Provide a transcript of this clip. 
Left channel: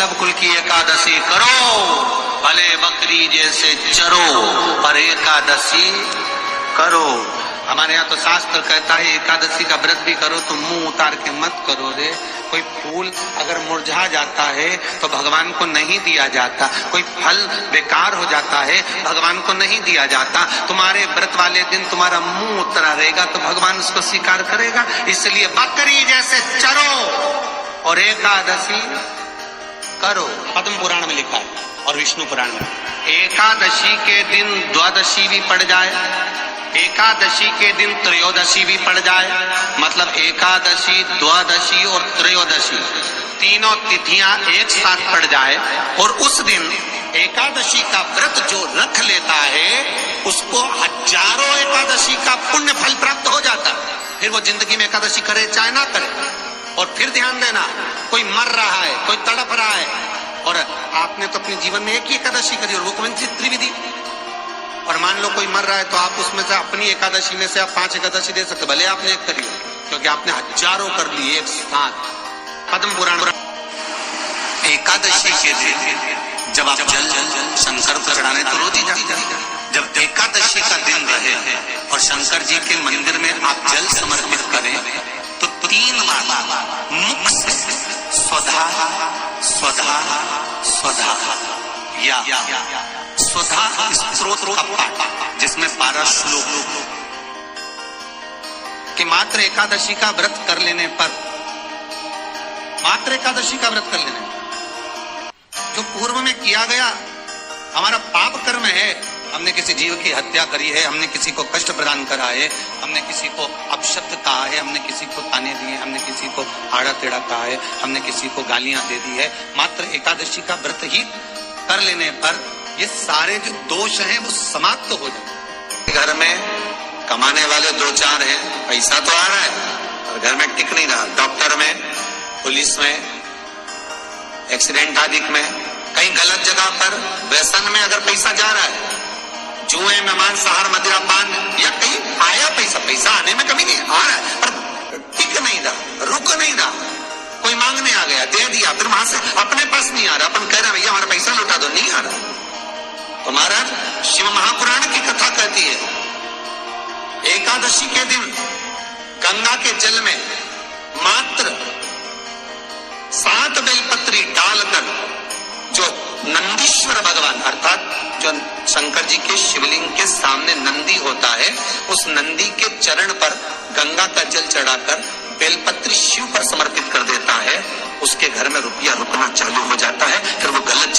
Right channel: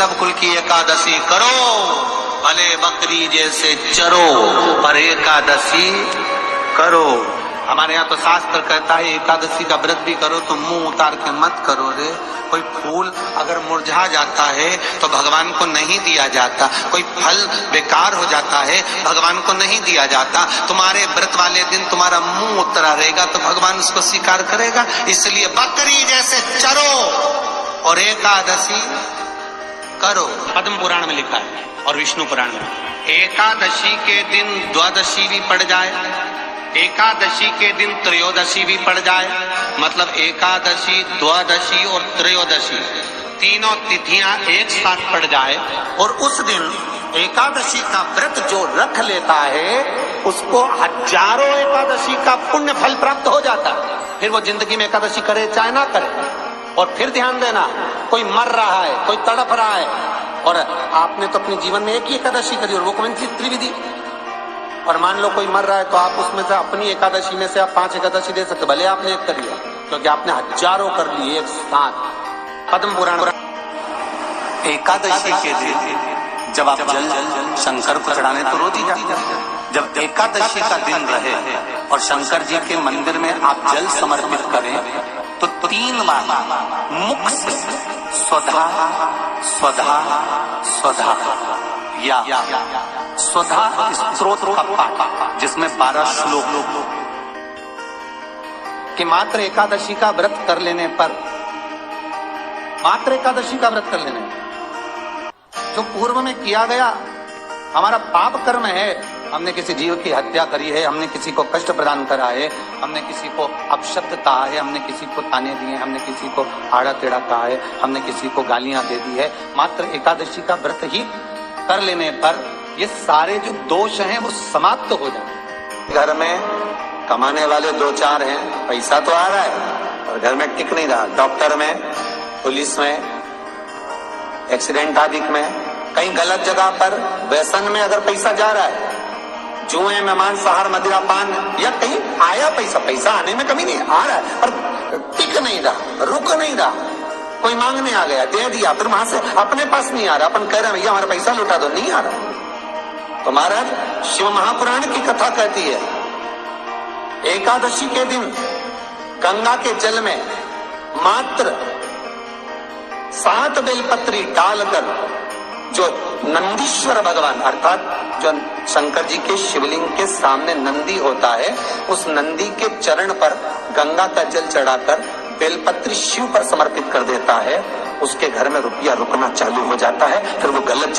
वल्लभ कुल की एकादशी करो, भले बकरी जैसे चरो, पर एकादशी करो। हमारे यहाँ तो शास्त्र कहता है एकादशी का व्रत भी करो तो मुंह उतार के मत करो रे। कोई फूल अगर मुरझा जाता है तो भगवान को नहीं दिया जाता, कोई फल बेकार हो जाता है भगवान को नहीं दिया जाता। तुम्हारे व्रत वाले दिन तुम्हारा मुंह उतरा रहेगा तो भगवान उसको स्वीकार करेगा। इसलिए बकरी जैसे चरो और एकादशी करो। पद्म पुराण में लिखा है और विष्णु पुराण में, एकादशी के दिन द्वादशी भी पड़ जाए, एकादशी के दिन त्रयोदशी भी पड़ जाए, मतलब एकादशी, द्वादशी और त्रयोदशी तीनों तिथियां एक साथ पड़ जाए, और उस दिन एकादशी का व्रत जो रख लेता है उसको हजारों एकादशी का पुण्य फल प्राप्त हो जाता है। फिर वो जिंदगी में एकादशी करे चाहे ना करे। और फिर ध्यान देना, कोई मर रहा है, कोई तड़प रहा है, और आपने तो अपने जीवन में एक ही एकादशी करी और वो कौन सी त्रिविधि, और मान लो कोई मर रहा है तो आप उसमें से अपनी एकादशी में से आप 5 एकादशी दे सकते, भले आपने एक करी है, क्योंकि आपने हजारों कर ली एक साथ। पद्म पुराण, एकादशी के दिन जब आप जल शंकर को चढ़ाने तो रोज ही जाते हैं। जब एकादशी का दिन रहे और शंकर जी के मंदिर में आप जल समर्पित करें तो 3 बार मुख से स्वधा स्वधा स्वधा या स्वधा स्तोत्र का पाठ, जिसमें 12 श्लोक कि मात्र एकादशी का व्रत कर लेने पर, मात्र एकादशी का व्रत कर लेने पर जो पूर्व में किया गया हमारा पाप कर्म है, हमने किसी जीव की हत्या करी है, हमने किसी को कष्ट प्रदान करा है, हमने किसी को अपशब्द कहा है, हमने किसी को ताने दिए, हमने किसी को आड़ा टेढ़ा कहा है, हमने किसी को गालियां दे दी है, मात्र एकादशी का व्रत ही कर लेने पर ये सारे जो दोष हैं वो समाप्त हो जाते। घर में कमाने वाले 2-4 हैं, पैसा तो आ रहा है और घर में टिक नहीं रहा, डॉक्टर में, पुलिस में, एक्सीडेंट आदि में, कहीं गलत जगह पर व्यसन में अगर पैसा जा रहा है, जुए में, मांसाहार, मदिरापान, या कहीं आया पैसा, पैसा आने में कमी नहीं, आ रहा है पर टिक नहीं रहा, रुक नहीं रहा, कोई मांगने आ गया, दे दिया, फिर वहां से अपने पास नहीं आ रहा, अपन कह रहे हैं भैया हमारा पैसा लुटा दो, नहीं आ रहा। तो महाराज शिव महापुराण की कथा कहती है एकादशी के दिन गंगा के जल में मात्र 7 बेलपत्री डालकर जो नंदीश्वर भगवान अर्थात जो शंकर जी के शिवलिंग के सामने नंदी होता है, उस नंदी के चरण पर गंगा का जल चढ़ाकर बेलपत्री शिव पर समर्पित कर देता है, उसके घर में रुपया रुकना चालू हो जाता है, फिर वो गलत